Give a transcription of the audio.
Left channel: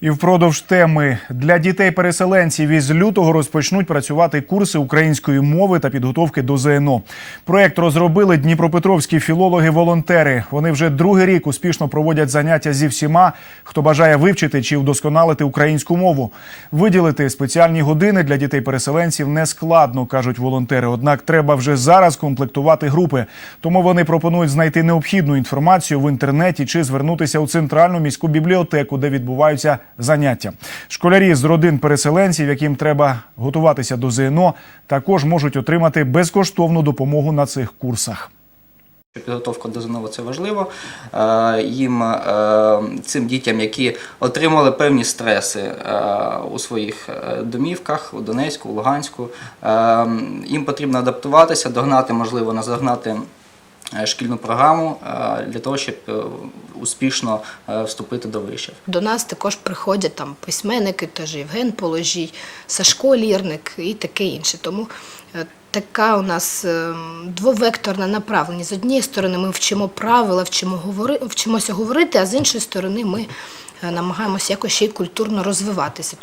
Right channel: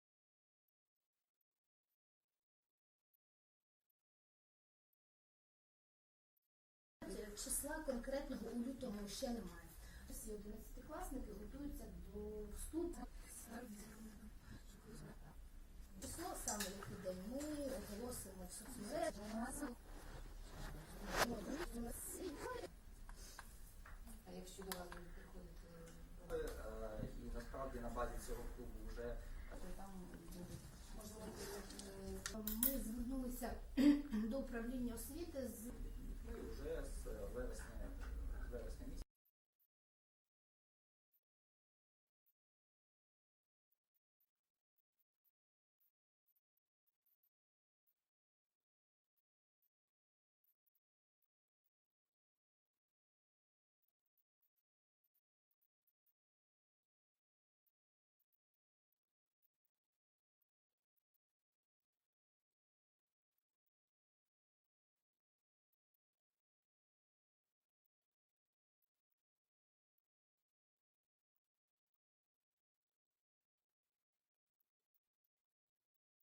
І впродовж теми для дітей-переселенців із лютого розпочнуть працювати курси української мови та підготовки до ЗНО. Проект розробили дніпропетровські філологи-волонтери. Вони вже другий рік успішно проводять заняття зі всіма, хто бажає вивчити чи вдосконалити українську мову. Виділити спеціальні години для дітей-переселенців не складно, кажуть волонтери. Однак треба вже зараз комплектувати групи. Тому вони пропонують знайти необхідну інформацію в інтернеті чи звернутися у центральну міську бібліотеку, де відбуваються заняття. Школярі з родин переселенців, яким треба готуватися до ЗНО, також можуть отримати безкоштовну допомогу на цих курсах. Підготовка до ЗНО – це важливо. Е, Їм е, цим дітям, які отримали певні стреси е, у своїх домівках у Донецьку, у Луганську, їм потрібно адаптуватися, догнати, можливо, наздогнати шкільну програму е, для того, щоб е, успішно е, вступити до вишів. До нас також приходять там письменники, теж Євген Положій, Сашко Лірник і таке інше. Тому е, така у нас е, двовекторна направленість. З однієї сторони, ми вчимо правила, вчимо говори, вчимося говорити, а з іншої сторони, ми е, намагаємося якось ще й культурно розвиватися.